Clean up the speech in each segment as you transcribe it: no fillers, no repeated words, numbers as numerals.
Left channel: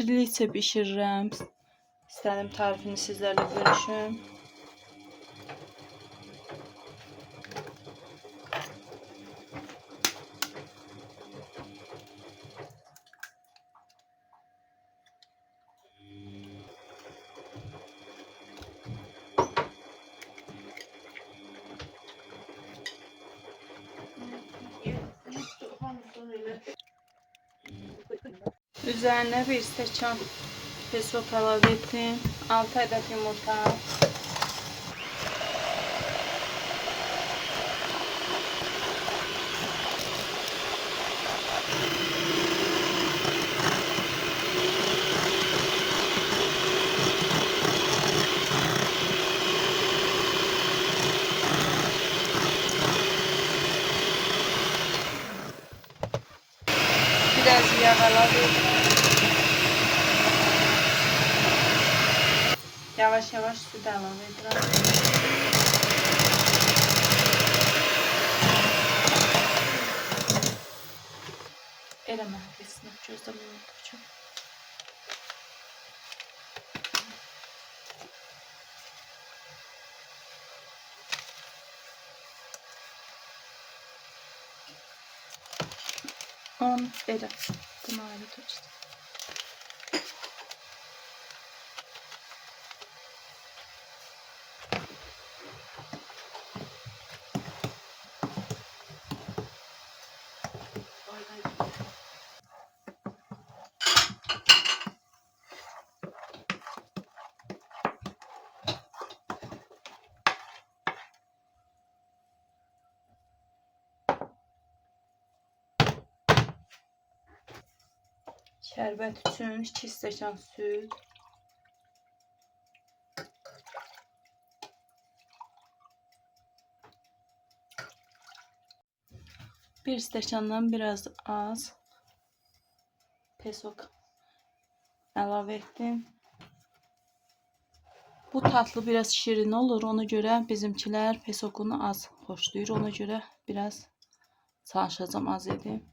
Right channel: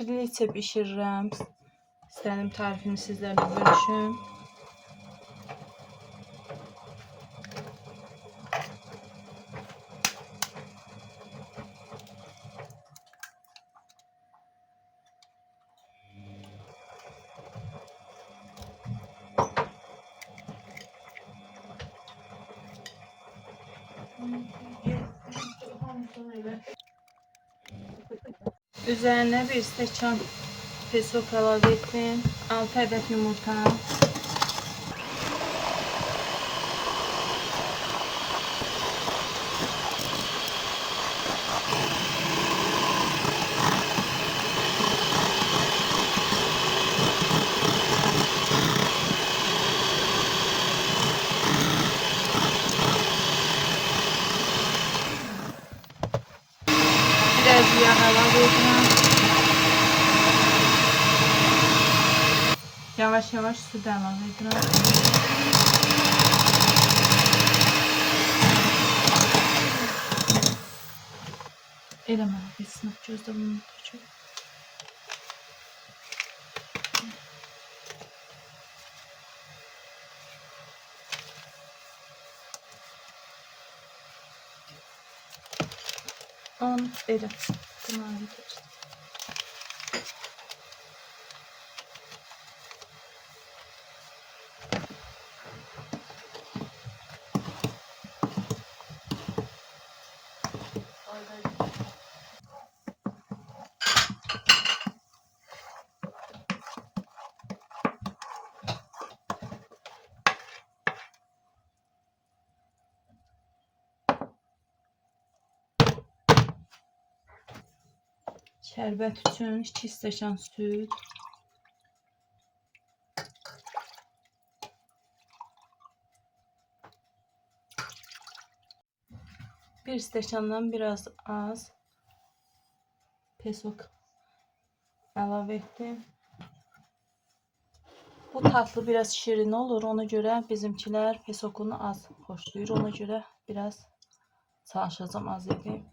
Triliçe bişirirəm. İstədim tarifini sizlərlə bölüşüm. Üzerine bir stəkan pesok əlavə etdim. 6 ədəd yumurta. Biraz yağ əlavə edirəm. Yavaş-yavaş su da əlavə edirəm. Eləmə, bir sınıq gözdə bunu tutacağım. Belə, bunu ayrı keçdim. Şərbət üçün 2 stəkan süd, 1 stəkandan biraz az pesok əlavə etdim. Bu tatlı biraz şirin olur. Ona göre bizimkiler pesokunu az xoşlayır. Ona göre biraz çalışacağım az edeyim.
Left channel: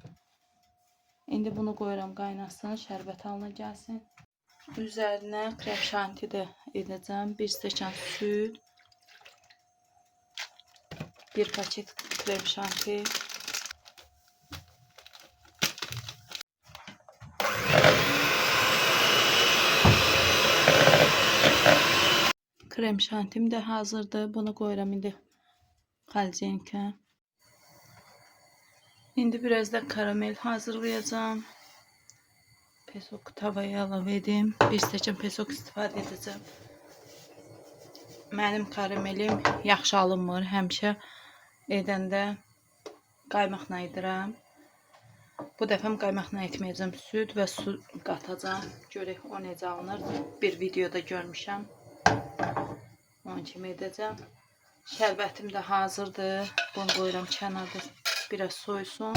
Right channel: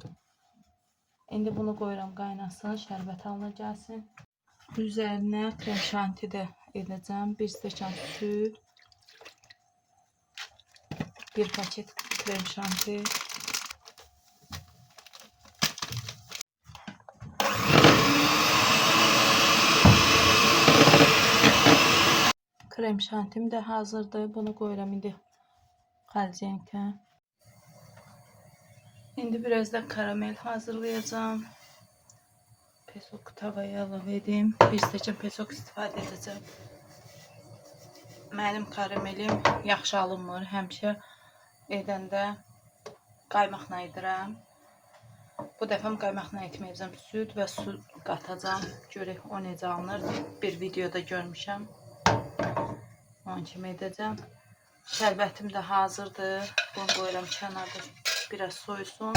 İndi bunu koyuram qaynasın, şərbət halına gəlsin. Üzerine krem şanti de edeceğim. 1 stəkan süd, 1 paket krem şanti, krem şantim de hazırdır. Bunu koyuram indi xalcenkə. İndi biraz da karamel hazırlayacağım. Pesok tavaya əlavə edeyim. 1 stəkan pesok istifadə edəcəm. Mənim karamelim yaxşı alınmır. Həmişə edəndə qaymaqla edirəm. Bu dəfə qaymaqla etməyəcəm. Süd və su qatacağım. Görək o necə alınır. Bir videoda görmüşəm. Onun kimi edəcəm. Şərbətim də hazırdır. Bunu qoyuram kənarda. Biraz soysun.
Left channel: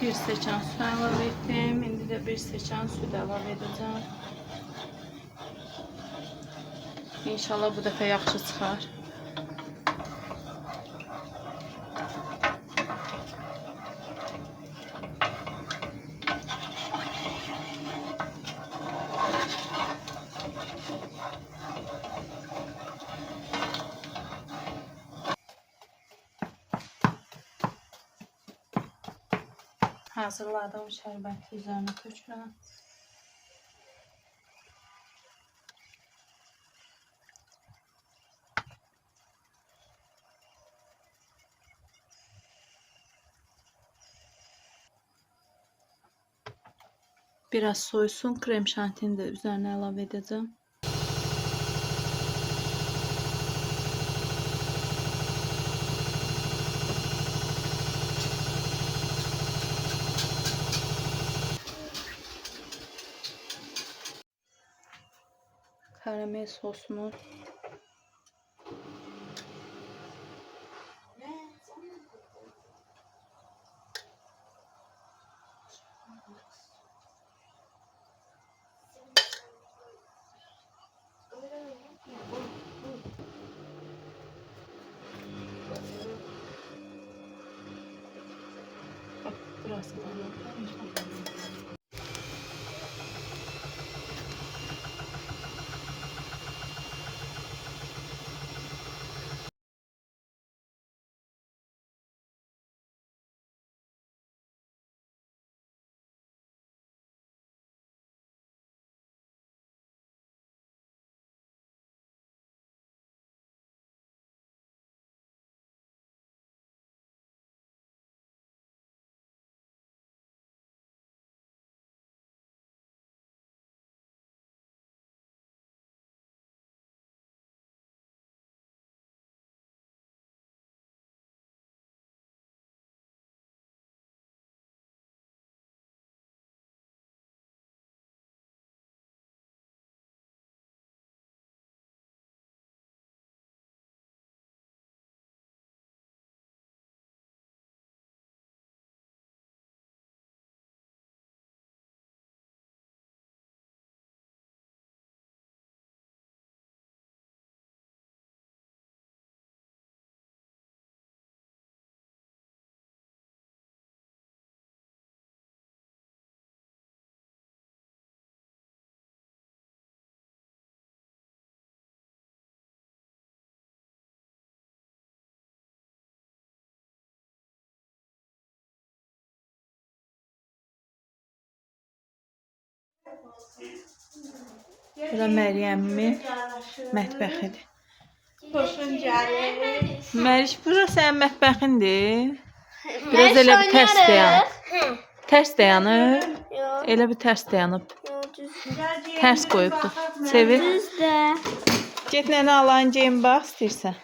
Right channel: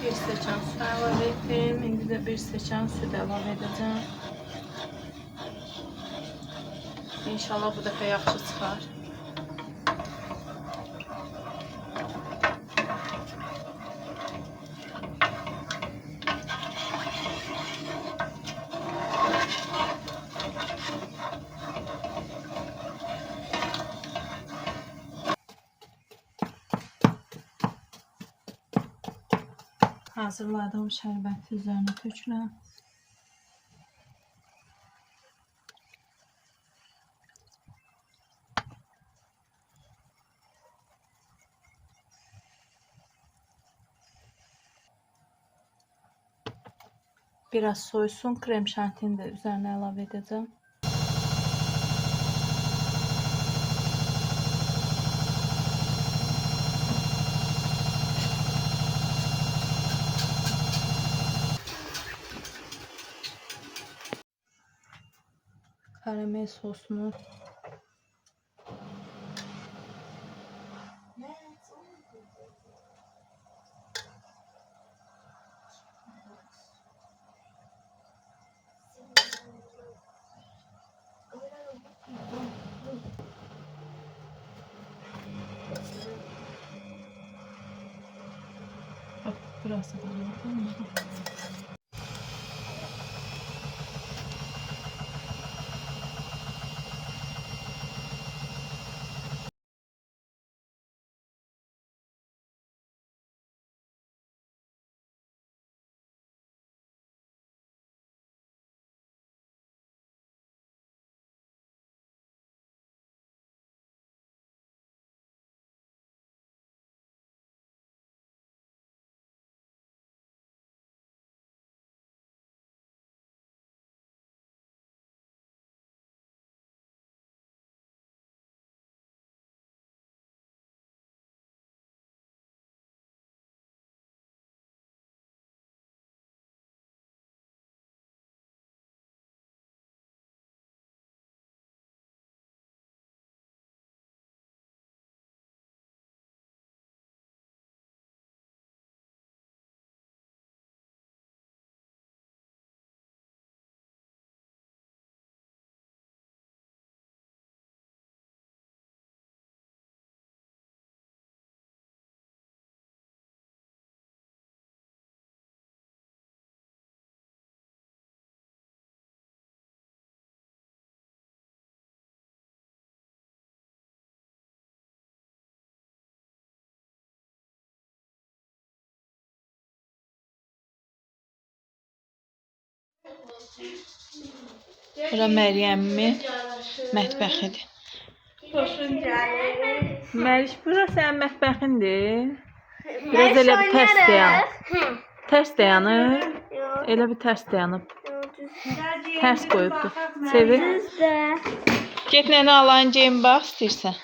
Bir stəkan su əlavə etdim. İndi də 1 stəkan süd əlavə edəcəm. İnşallah bu dəfə yaxşı çıxar. Hazırladığım şərbəti üzerine tökürəm. Biraz soysun, krem şantini de üzerine əlavə edəcəm. Karamel sosunu Bura Məryəmmin mətbəxidir. Xoşun gəlir. Məriş, bura sənin mətbəxindir. Biraz elə bir tərs dayanıb. Tərs dayanıb. Elə bir tərs dayanıb. Tərs qoyubdur. Sevir. Get nənə alayın geyin bax istəyirsən.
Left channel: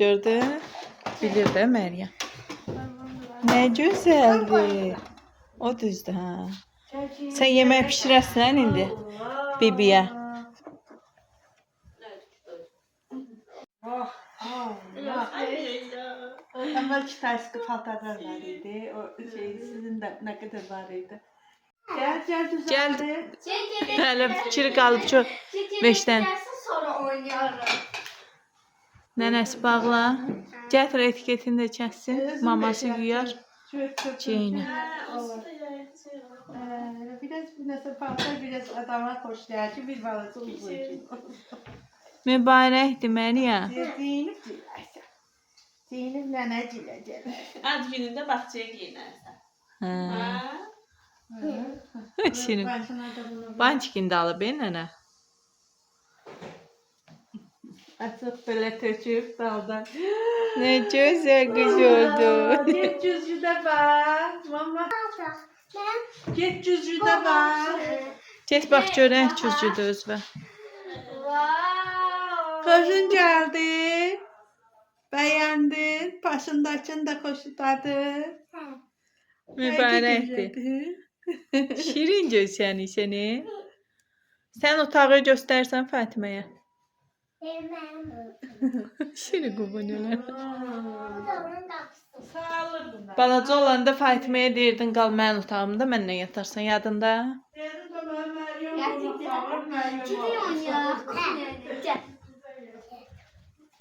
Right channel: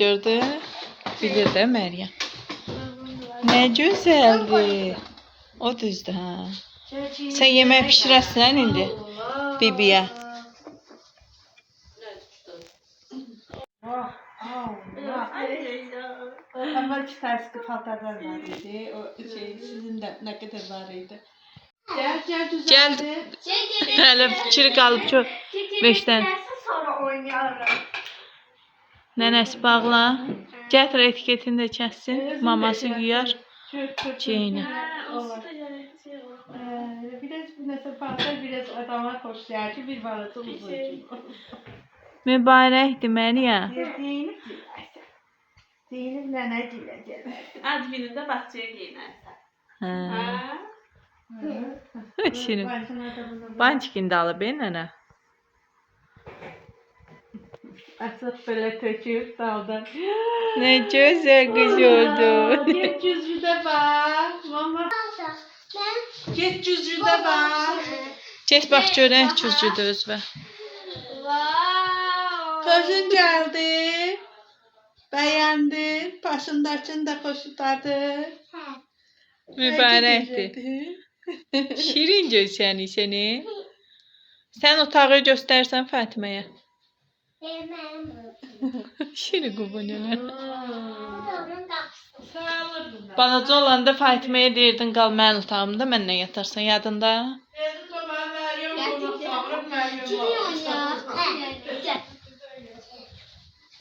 Gördün? Bilir də Məryəm. Nə gözəldir. O düzdür, hə. Sən yemək pişirəsən indi bibiyə. Əvvəl tərsqi paltarlar var idi. O sizin də nə qədər var idi. Gəl düzəldi. Hələ fikir qalıb ki, 5-dən. Sonra oynayarım. Nənəsi bağla. Gətir etiketini də kəssin. Maması yuyar. Çeynə. Biraz nəsə paltar, biraz adama xoş gəlir ki, bir balası uzun. Mübarəkdir Məryəm. Zeynep nənəcilə gələrsən. Ad günündə bağçaya geyinərsən. Hə. Hə? Şirin. Bançikində alıb nənə. Açıq belə töküb daldan. Nə gözəl qız oldu. Get cüzcüdə bax. Mama. Get cüzcüdə bax. Get bax görək cüzcüdə özvə. Xoşun gəldi. Bəyəndin. Başındakını da xoşutadı. Mübarəkdir. Şirin görsəni səni. Sən otağı göstərsən Fatiməyə. Şirin qubunələr. Balaca olanda Fatiməyə deyirdin qal mənim otağımda, mənlə yatarsan, yadında?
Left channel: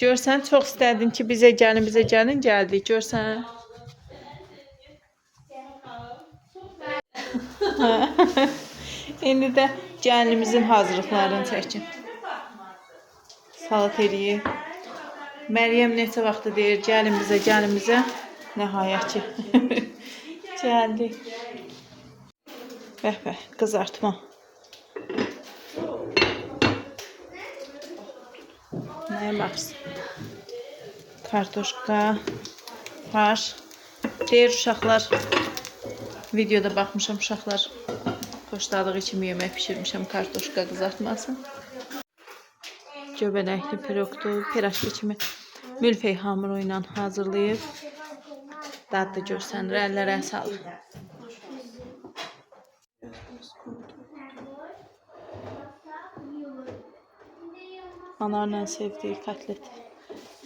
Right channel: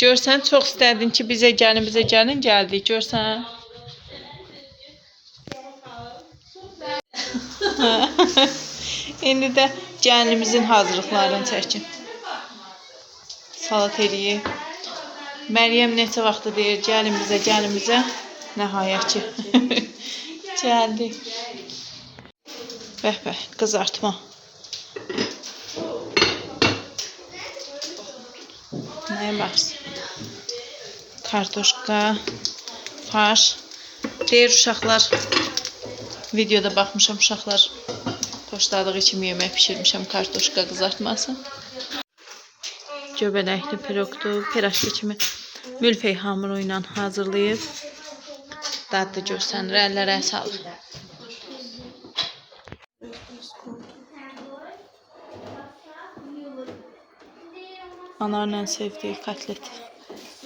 Görsən, çox istədin ki, bizə gəlin, gəldik, görsən. İndi də gəlinimizin hazırlıqlarını çəkin. Salat eləyib. Məryəm neçə vaxtı deyir, gəlin bizə. Nəhayət ki, gəldik. Bəh, qızartma. Nəyə baxsın? Kartoşka, farş. Deyir uşaqlar, videoda baxmışam, uşaqlar xoşladığı kimi yemək pişirmişəm, kartoşka qızartması. Göbələkli pirogdur, piraşki kimi mülfey hamuru ilə hazırlayıb. Dadlı görsənir, əllərə sağlıq. Anarla sevdiyi kotlet.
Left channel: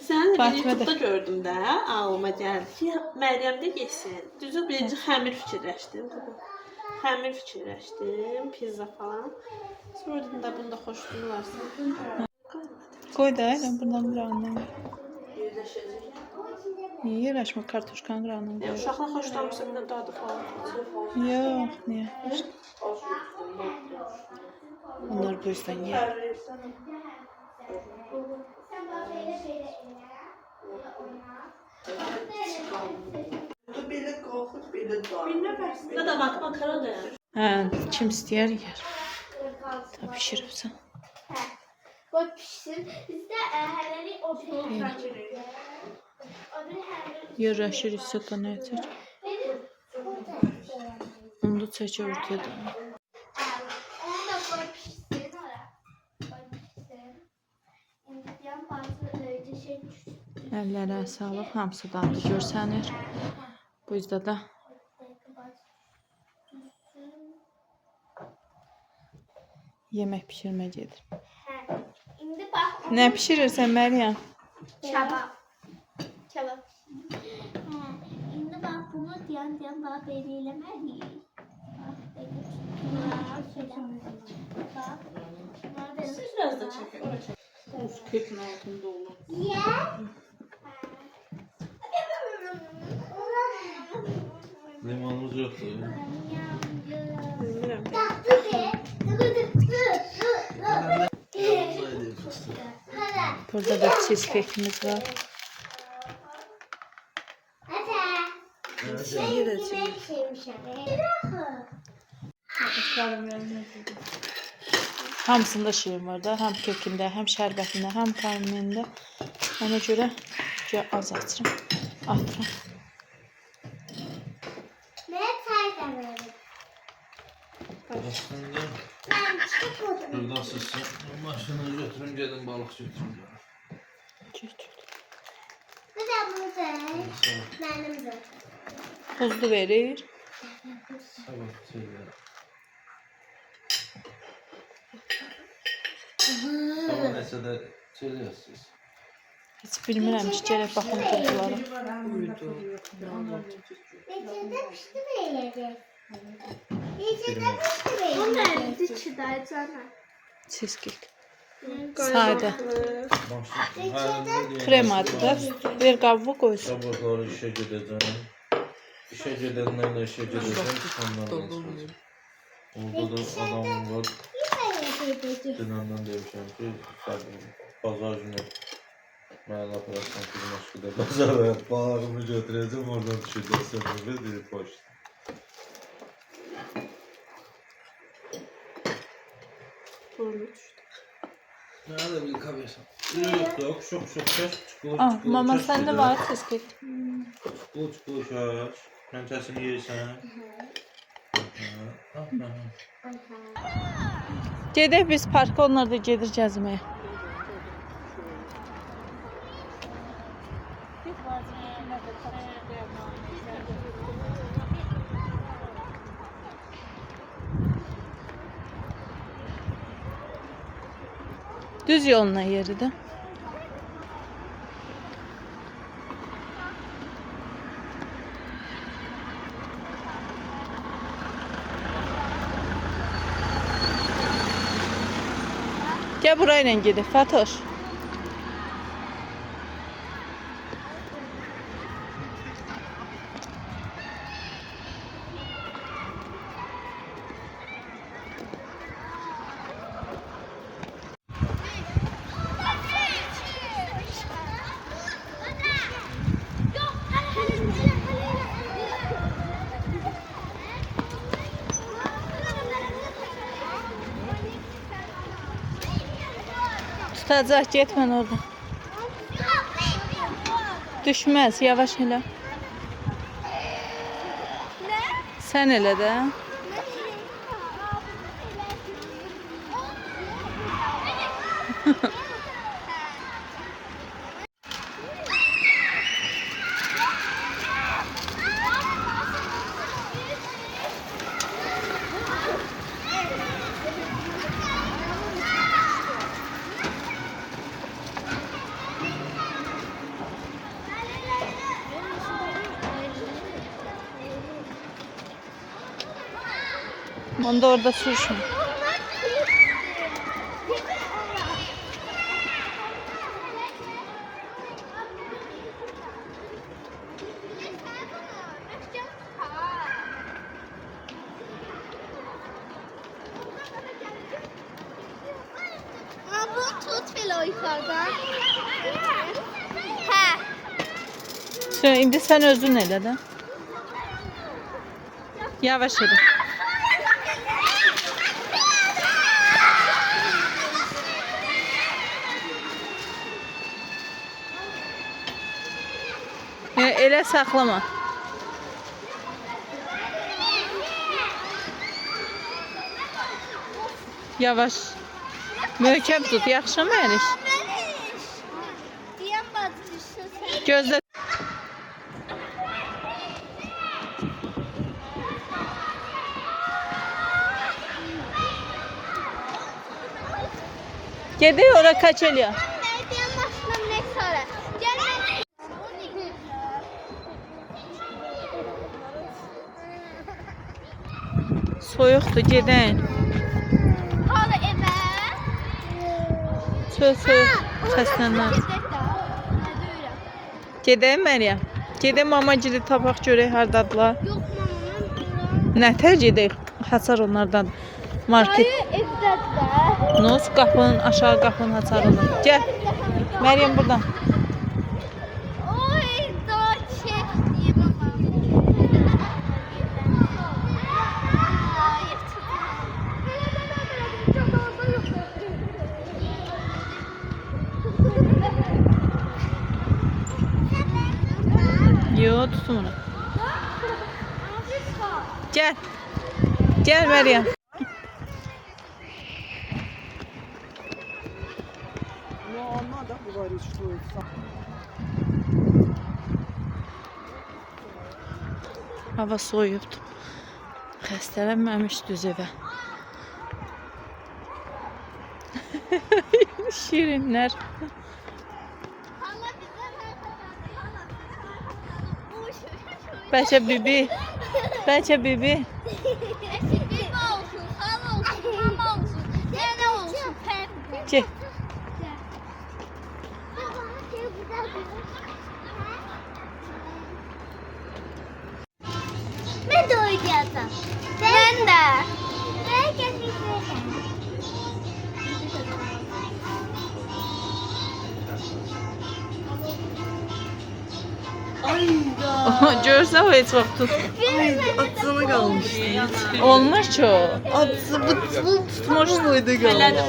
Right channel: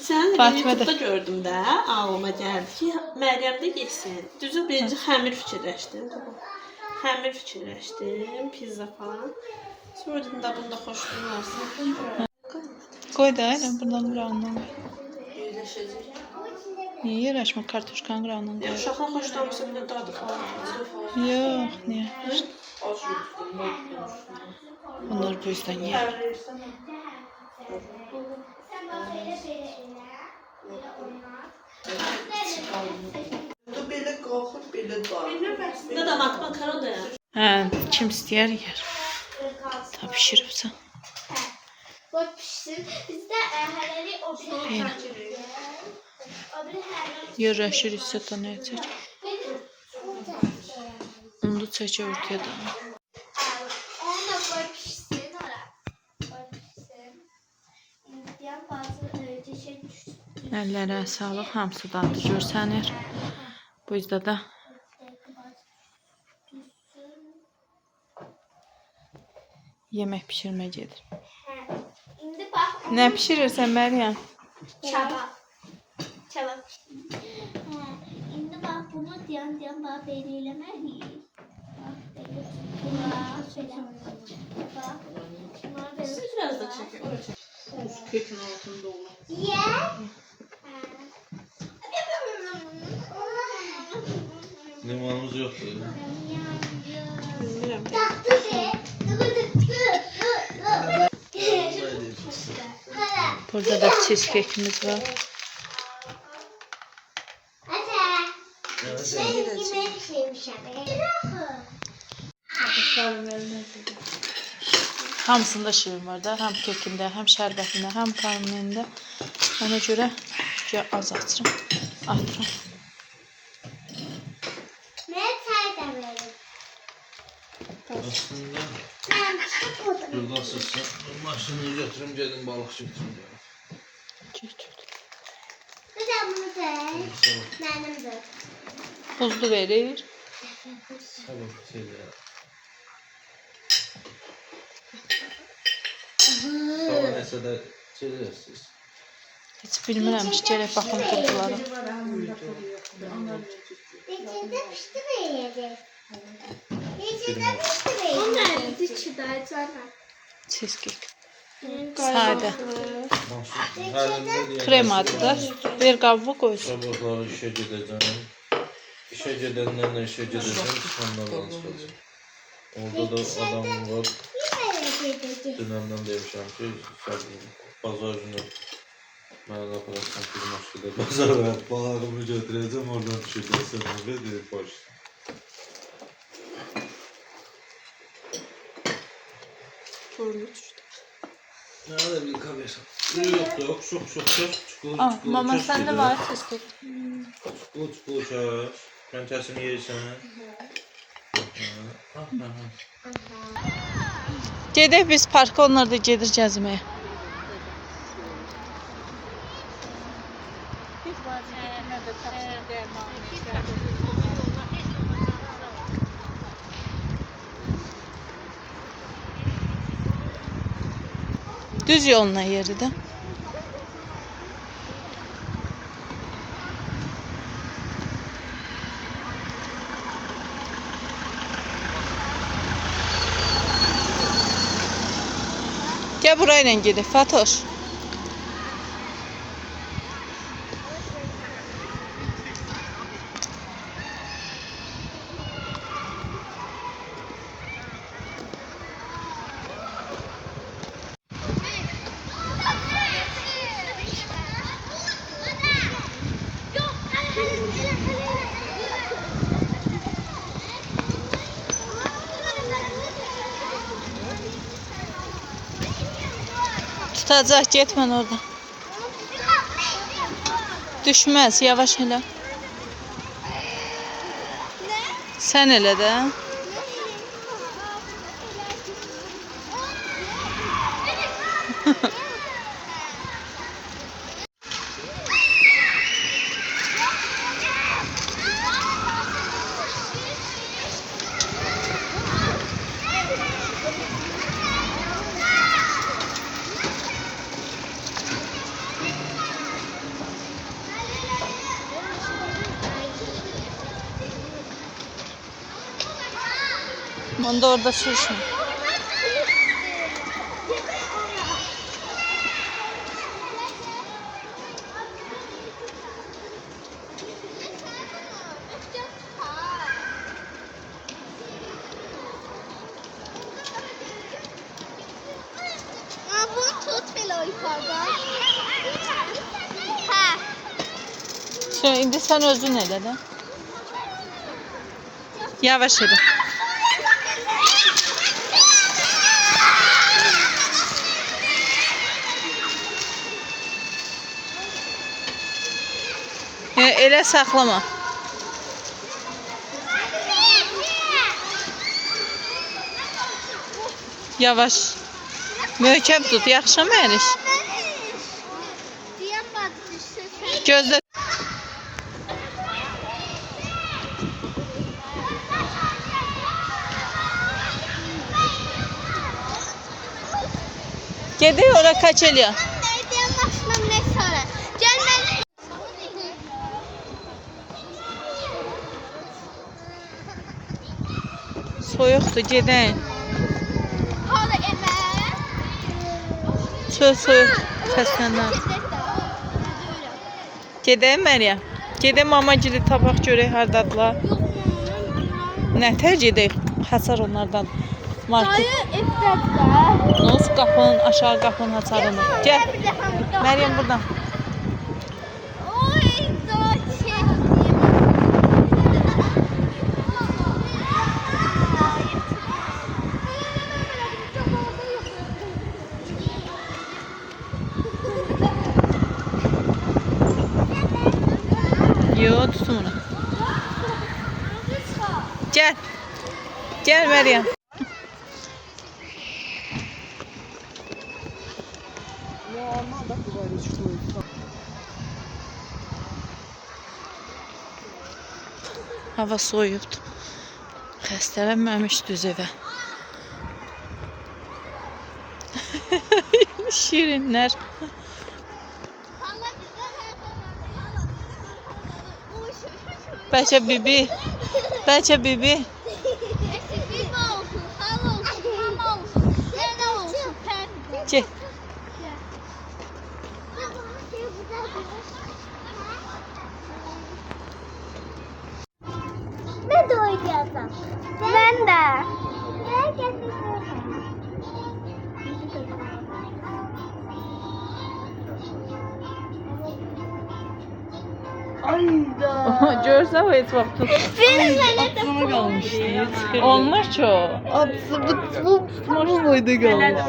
Sən Fatimə də. YouTube'da gördüm də, ağlıma gəldi ki, Məryəm də yesin. Düzü birinci xəmir fikirləşdim. Pizza falan. Sonra dedim də bunda xoşluğum olsun. Qoy da, buradan burandan. Niyə yerləşmə kartuşkanın qıranın qoyur? Uşaqlar xoşlanmışsa bir də dadı falan. Yox, niyə? Bunlar bu yüzden yer. Belə qalxır, belə dar. Ne de bak makaron da ya. Hə, kim istəyər yer. Ta pişiribsən. Qoy pişsin. Bizdə hələlik o bir Belə. Yerləşir isə da nə çək? Onu çəkə ortaya da. Onu da qoy pişsin ora. Qoy pişsin. İndiyan bazı şey düşsün. Əllərə sağlıq, hamısı dadı görsənir. Bu yüzden də yemək pişirmə gedir. İndi bax. Nə pişirirsən Məryəm? Çabab. Çabab. İndi bax bunu diyan bax belə eləməliyik. Bax belə. Bax belə. Bax. Bunları belə. Biraz da çekelim. Pekin altında olur. Ye. Limonumuz yoktu. Bilmiyorum. Burada da cheesecake'imiz var. Hamısında şirin var da, həm kekində, həm şərbətində, həm karmelində. Ona görə az açıram, atıram. Aslında buradasınız. Maşını götürün gelin balık götürün gelin. Buzlu verir. Sabır şeyler. Sonra neyse de söylüyorsunuz. Heç bilmirəm ki, gərək baxım turqulara. Cheesecake. Sadə. Krem adı da. Bir qabı qoysun. Sabırlar işe gideceğim. İşe gidenden de işe gideceğim. Sonradan çıkacağım. Orada da adamım var. Dünenden demişəm ki, bazar günü mənə də aparasın ki, Moskvada bazara balığımı götürəcəm, oradan düşəcəksən burada deyir, boş. Burnu düştü. Nə də bir kamerası. Yok, çok. Mama səndə var cheesecake. Çukur, çaş. Mən kəsim yeyirsən. Gedək biz parka, onlar da gedir gəzməyə. Düz yoluna yeri də. Gel burayla gedək Fatoş. Tutacaq, getmən orada. Düşməz, yavaş elə. Sən elə də. Onu da orada sürüşme. indi sən özün elə də. Yavaş elə. Elə saxlama. Yavaş. Möhkəm tut, yaxşı Məriş. Diyen bacı düşse Gözlə. Gediyor ora kaç eliyor. diyen başına ne sonra? Gelmez. Soyuqdur, gedək. Hala eve. Söz soyuq. Səslənlər. Gedək Məryəm. Gedək mamagili tapaq görək hardadılar. Yok mamam. Nətər gedək? Hasar onlardan. Market. Hayır evde. Nus qapının aşağı qapının açarını. Gəl. Məryəm buradan. Oy daha şey. Yo, tutun onu. Gəl. Gəl Məryəm. Hava soyubdur. Xəstələnməmiş düz evə. Şirinlər. Hala bize hala. Bəlkə bibi. Bəlkə bibi. Bibi olsun, hala olsun, hala olsun. Sen olsun. Gəl. Ben de oynayacağım. Ben de. Görsə o heç vaxt tut. Atsana qalmışdı. Olmur ki o. Atsı bu tutmuş muydu qalmış?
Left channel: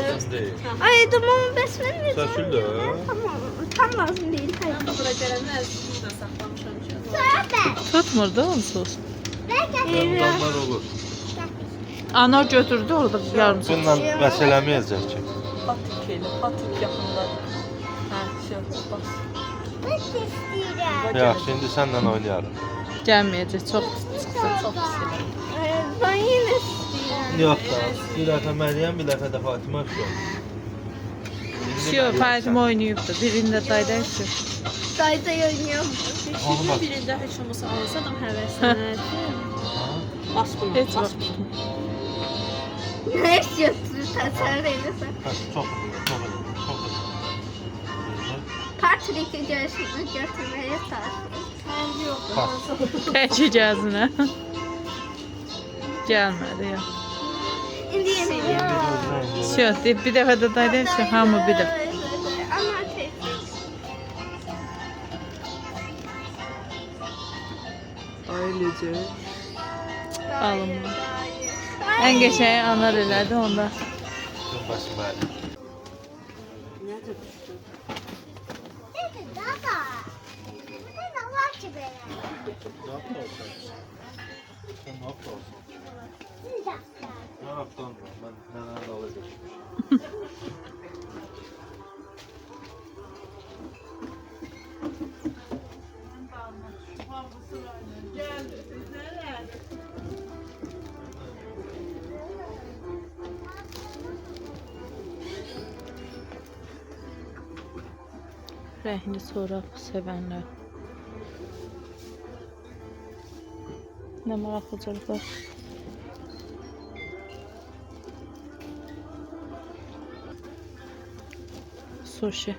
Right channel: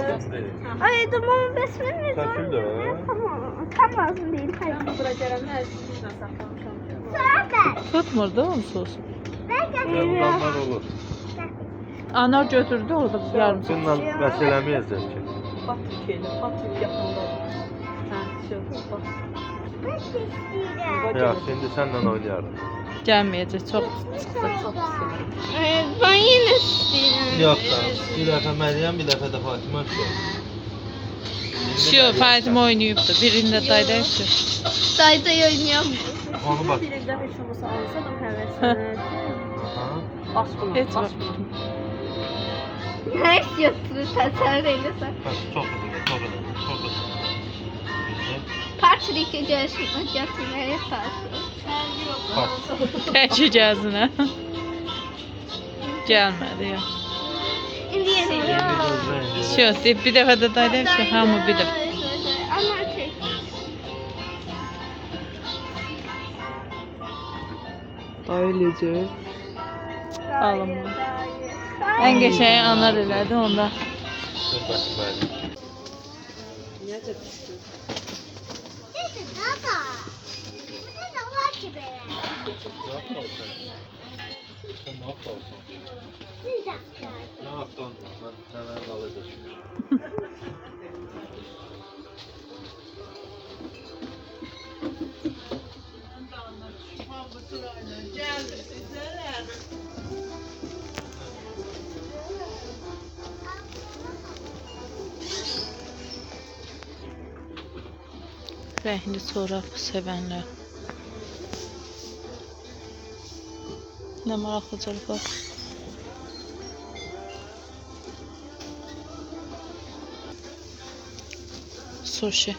Ay tamam besmele mi? Sökül də. Tamam. Tam lazım değil. Hayır. Bura gələndə əzizlə saxlamışam ki. Zaten. Tutmur da onsuz. Ondan olur. Ana götürdü orada yarım saat. Bununla məsələməyəcək ki. Patik elə, patik yaxındadır. Hə, bas. Ben de istiyorum. Yaxşı, indi sənlə oynayarım. Gəlməyəcək, çox çıxdı. Çox pis elə. Ben yine istiyorum. Yox da, bir dəfə Məryəm, bir dəfə də Fatimə işləyir. Şu Fatimə oynayıbdı. Birində daydaydı. Dayda oynayalım. Onu bax. Birində heç olmasa alsa da həvəslənər. Bas buna, Heç bas vaxt. buna. Ne istiyorsun? Tasar eylesen. Çox olur, çox olur, çox olur. Patrick'e görüşmek getirmeye çalışıyorum. Bax. Təki gəzinə. Gəlmədi ya. Şimdi yeniliyor. Şu, bir dəfə də daydaydı, hamı bir dəfə. Ama tek. Ailecə. Alınma. Ən qəşəng anar elədi onda. Necə düşdün? Dedi baba. Ne var ki be? Sən nə yapıyorsun? Bir dakika. Nə yapdın? Mən dalı geçmişim. Rəhli çorab sevənlər. Nə maraqlıcılıqlar. Sushi.